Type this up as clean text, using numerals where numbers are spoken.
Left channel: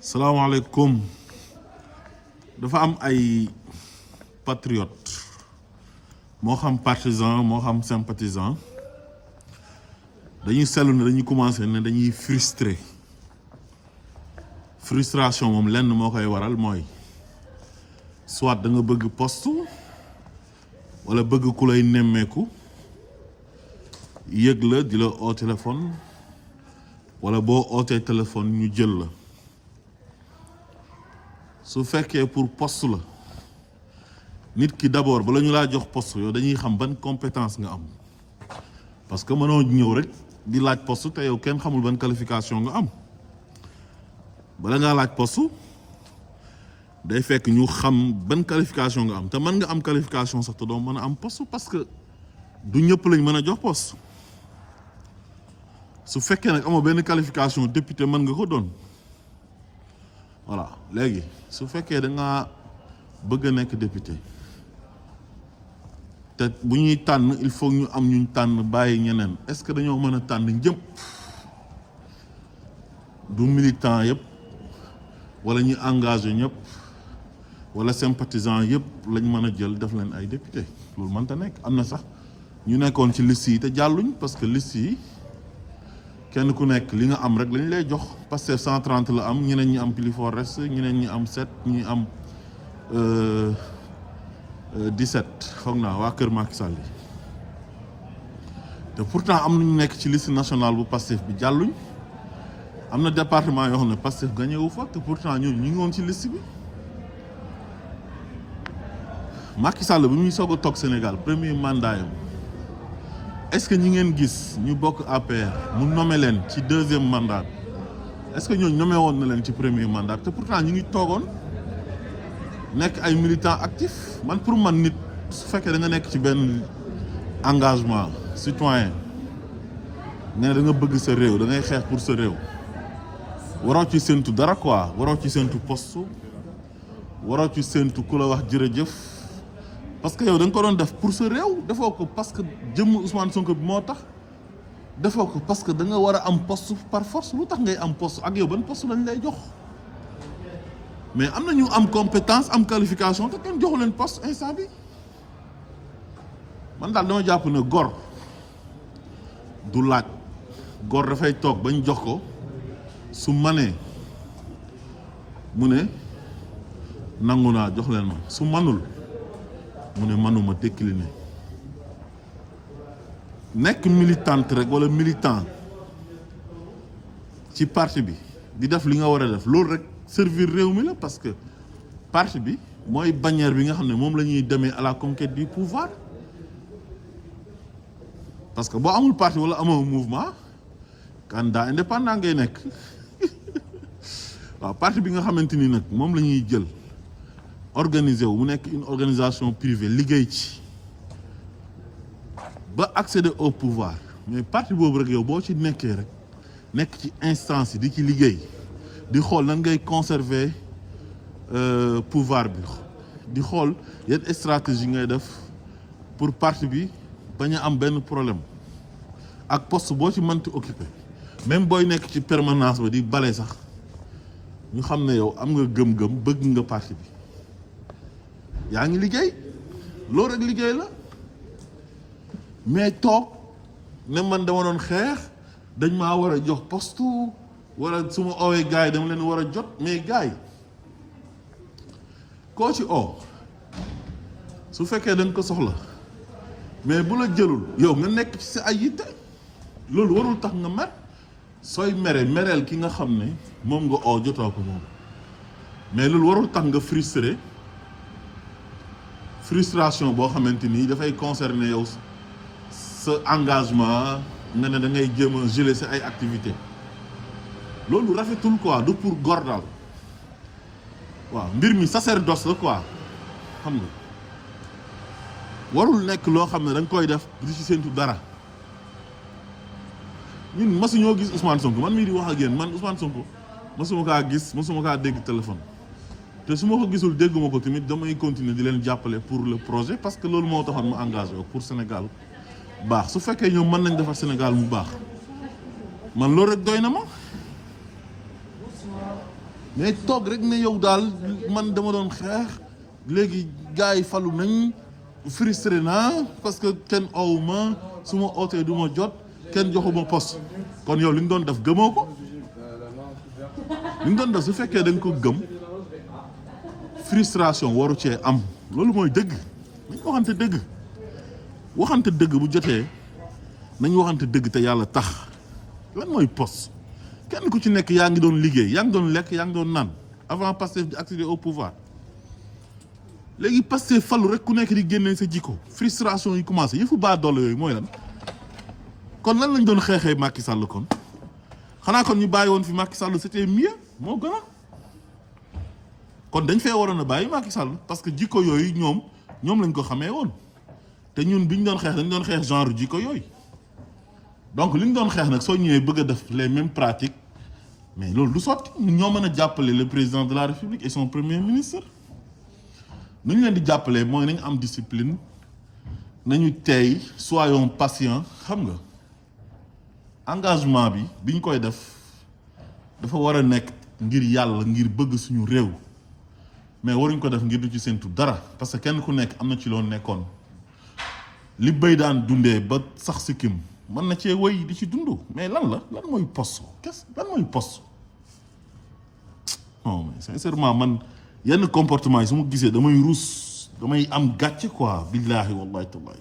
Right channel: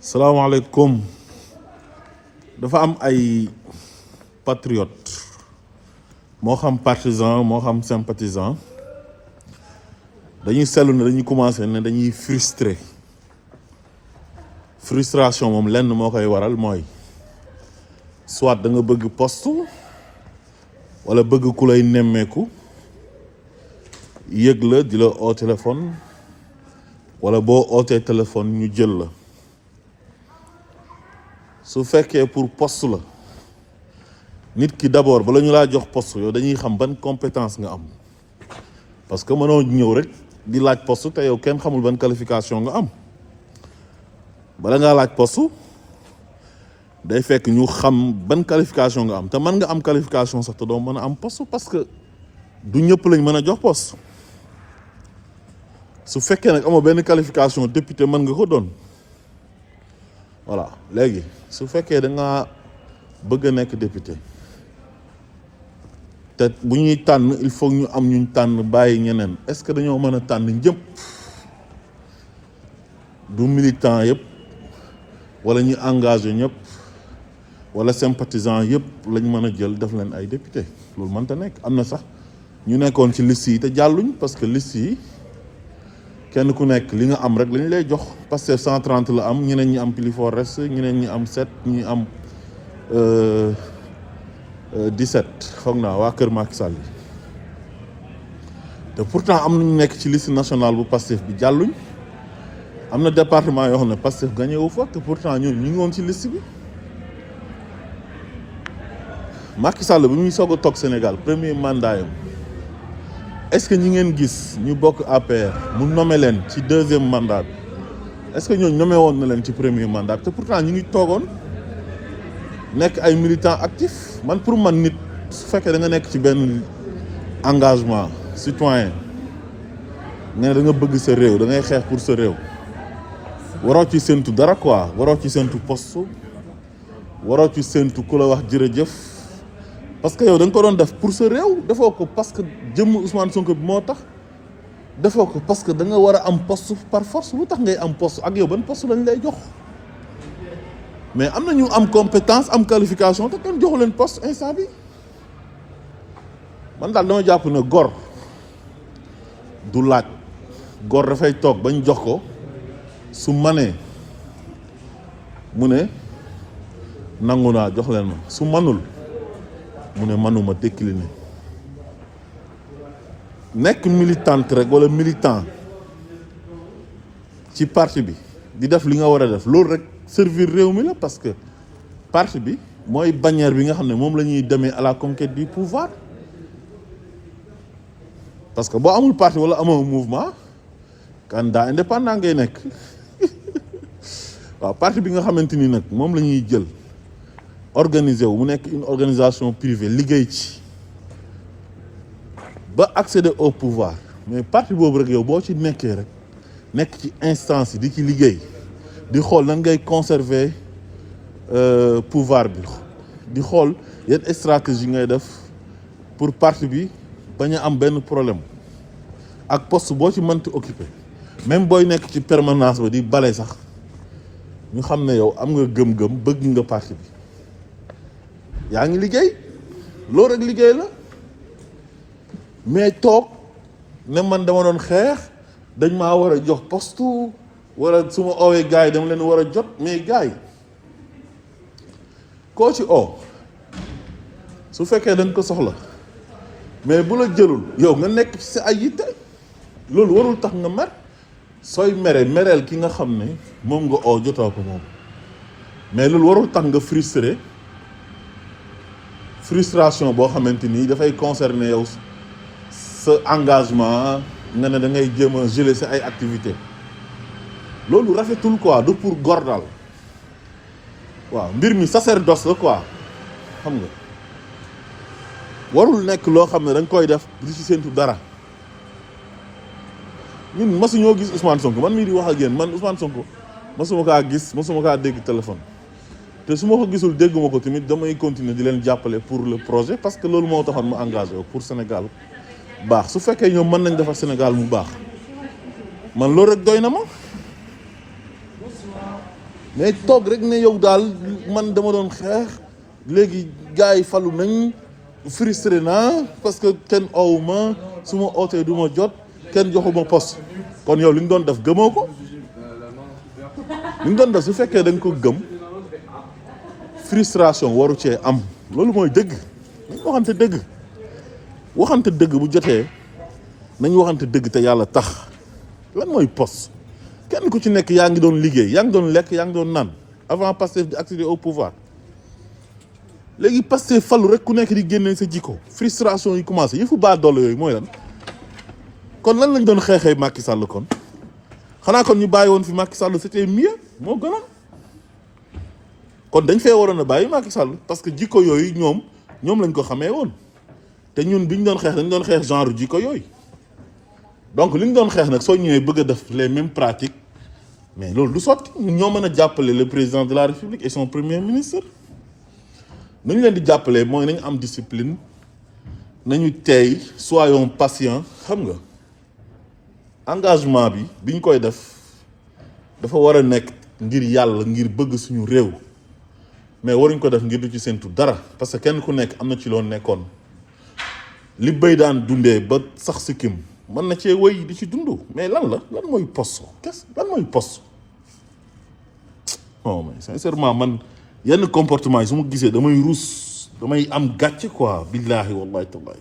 salaamaaleykum dafa am ay patriote moo xam partisan moo xam sympathisant dañuy seetlu ne dañuy commencé ne dañuy frustration moom lenn moo koy waral mooy soit da nga bëgg poste wala bëgg ku lay nemmeeku yëg la di la oo téléphone wala boo ootee téléphone ñu jël la su fekkee pour poste la nit ki d'abord bala ñu laa jox poste yow dañuy xam ban compétence nga am parce que mënoo ñëw rek di laaj poste te yow kenn xamul ban qualification nga am bala ngaa laaj poste day fekk ñu xam ban qualification nga am te mën nga am qualification sax te doo mën a am poste parce que du ñëpp lañ mën a jox poste su fekkee nag amoo benn qualification député mën nga ko doon voilà léegi su fekkee da nga bëgg a nekk député te bu ñuy tànn il faut ñu am ñuñ tànn bàyyi ñeneen est-ce que dañoo mën a tànn ñëpp du militant yëpp wala ñu engagé ñëpp wala sympathisant yëpp lañ mën a jël def leen ay député loolu mënta nekk am na sax ñu nekkoon ci liste yi te jàlluñ parce que liste yi kenn ku nekk li nga am rek lañ lay jox parce que 130 la am ñeneen ñi am plus fort reste ñeneen ñi am 7 ñi am 17 foog naa waa Kër Macky Sall yi te pourtant am nañu nekk ci liste nationale bu Pastef bi jàlluñ am na département yoo xam ne Pastef gagné wu fa te pourtant ñun ñu ngi woon ci liste bi Macky Sall bi muy soog a toog Sénégal premier mandat yam est-ce que ñi ngeen gis ñu bokk APR mu nommé leen ci deuxième mandat bi est-ce que ñooñu nommé woon na leen ci premier mandat te pourtant ñu ngi toogoon nekk ay militants actifs man pour man nit su fekkee da nga nekk ci benn engagement citoyen ne da nga bëgg sa réew da ngay xeex pour sa réew waroo ci séntu dara quoi waroo ci séntu poste waroo ci séntu ku la wax jërëjëf parce que yow da nga ko doon def pour sa réew defoo ko parce que jëmm Ousmane Sonko bi moo tax defoo ko parce que da nga war a am poste par force lu tax ngay am poste ak yow ban poste lañ lay jox mais am na ñu am compétence am qualification te kenn joxu leen poste instant bi man daal dama jàpp ne gor du laaj gor dafay toog bañ jox ko su manee mu ne nangu naa jox leen ma su manul mu ne manuma décliné nekk militante rek wala militant ci parti bi di def li nga war a def loolu rek servir réew mi la parce que parti bi mooy bannière bi nga xam ne moom la ñuy demee à la conquête du pouvoir parce que boo amul parti wala amoo mouvement candidat indépendant ngay nekk waaw parti bi nga xamante ni nag moom la ñuy jël organisé wu mu nekk une organisation privée liggéey ci ba accéder au pouvoir mais parti boobu rek yow boo ci nekkee rek nekk ci instance yi di ci liggéey di xool nan ngay conserver pouvoir bi di xool yan stratégie ngay def pour parti bi bañ a am benn problème ak poste boo ci mënti occuper même booy nekk ci permanence ba di bale sax ñu xam ne yow am nga gëm-gëm bëgg nga parti bi yaa ngi liggéey loolu rek liggéey la mais toog ne man dama doon xeex dañ maa war a jox poste wala su ma oowee gars yi dama leen war a jot mais gars yi koo ci oo su fekkee dañ ko soxla mais bu la jëlul yow nga nekk ci sa ay yitte loolu warul tax nga mer sooy mereel ki nga xam ne moom nga oo jotoo ko moom mais loolu warul tax nga frustration boo xamante ni dafay concerner yow sa engagement nga ne da ngay jéem a geler sa ay activité loolu rafetul quoi du pour góor daal waaw mbir mi sacerdoce la quoi xam nga warul nekk loo xam ne da nga koy def du ci séntu dara ñun masuñoo gis Ousmane Sonko man mii di wax ak yéen man Ousmane Sonko masuma kaa gis masuma kaa dégg téléphone te su ma ko gisul dégguma ko tamit damay continuer di leen jàppale pour le projet parce que loolu moo taxoon ma engagé pour Sénégal baax su fekkee ñoom mën nañ defar Sénégal mu baax man loolu rek doy na ma mais toog rek ne yow daal man dama doon xeex léegi gars yi falu nañ frustré naa parce que kenn owu ma su ma ootee du ma jot kenn joxuma poste kon yow li ñu doon def gëmoo ko li ñu doon def su fekkee da nga ko gëm frustration waru cee am loolu mooy dëgg nañ waxante dëgg bu jotee nañ waxante dëgg te yàlla tax lan mooy poste kenn ku ci nekk yaa ngi doon liggéey yaa ngi doon lekk yaa ngi doon naan avant Pastef di accéder au pouvoir léegi Pastef falu rek ku nekk di génne sa jikko frustration yi commencé yëfu baa doole yooyu mooy lan kon lan lañ doon xeexee Macky Sall kon xanaa kon ñu bàyyi woon fi Macky Sall c'était mieux moo gënoon kon dañ fee waroon a bàyyi Macky Sall parce que jikko yooyu ñoom lañ ko xamee woon te ñun bi ñu doon xeex dañ doon xeex genre jikko yooyu donc li ñu doon xeex nag soo ñëwee bëgg a def les mêmes pratiques mais loolu du sotti ñun ñoo mën a jàppale le président de la République et son premier ministre nañu leen di jàppale mooy nañu am discipline nañu teey soyons patients xam nga engagement bi ñu koy def dafa war a nekk ngir yàlla ngir bëgg suñu réew mais waruñ ko def ngir du ci séntu dara parce que kenn ku nekk am na ci loon nekkoon li béy daan dundee ba sax sikkim mën na cee wéy di ci dund mais lan mooy poste lan mooy poste non mais sincèrement man yenn comportement yi su ma gisee damay ruus damay am gàcce quoi billaahi wallahi tallahi